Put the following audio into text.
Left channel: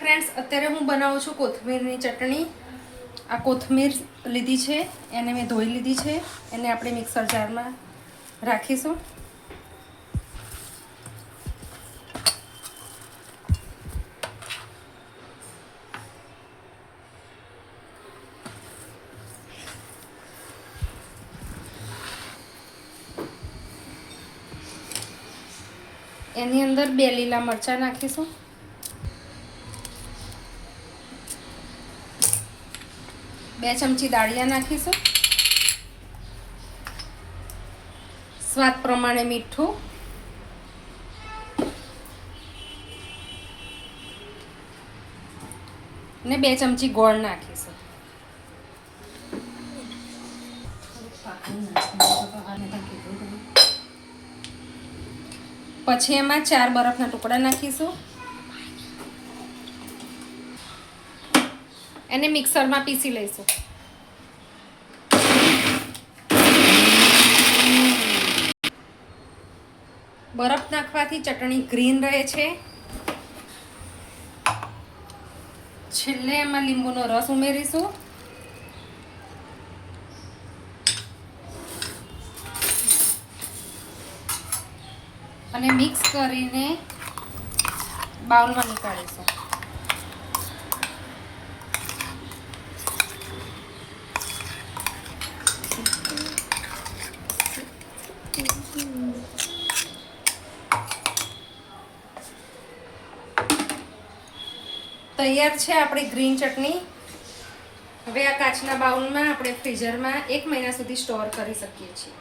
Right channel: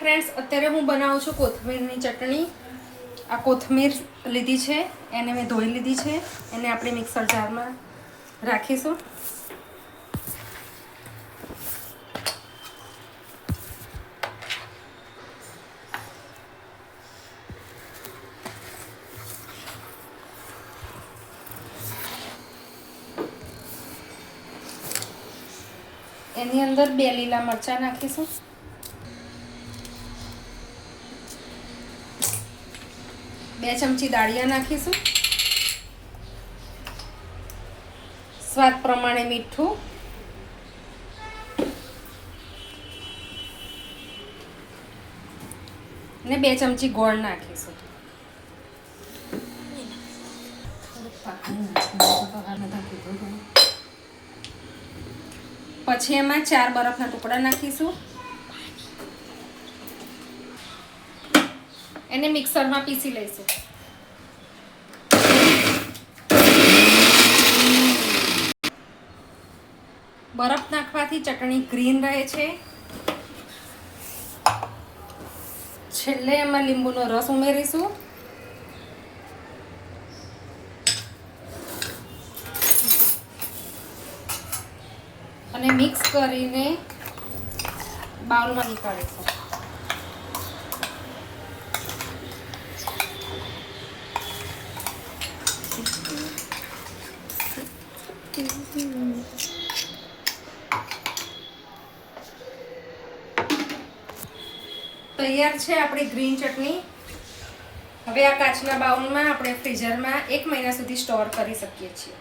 Friends, અત્યારે હું બનાવું છું કોથમીરની ચટણી. આ કોથમીર લીધી છે, એને મેં ધોઈ લીધી છે. એને આપણે મિક્સર જારમાં રાખીશું. એની અંદર 2 લીલા મરચાં નાખીશું. બે ચમચી દાળિયા નાખીશું. સ્વાદ પ્રમાણે મીઠું. ને 2 ચમચી ગોળ નાખીશું. પછી એમાં 4 બરફના ટુકડા નાખીશું. એને મિક્સરમાં પીસી લઈશું. બરફ નાખવાથી ચટણી ગ્રીન રહે છે. છેલ્લે એમાં લીંબુનો રસ ઉમેરીશું. અને મિક્સ કરીને બાઉલમાં નીકાળીશું. તૈયાર છે આપણી ગ્રીન ચટણી. હવે આ કાચના બાઉલમાં આપણે ફ્રીઝરમાં 1 મહિના સુધી સ્ટોર કરી શકીએ છીએ.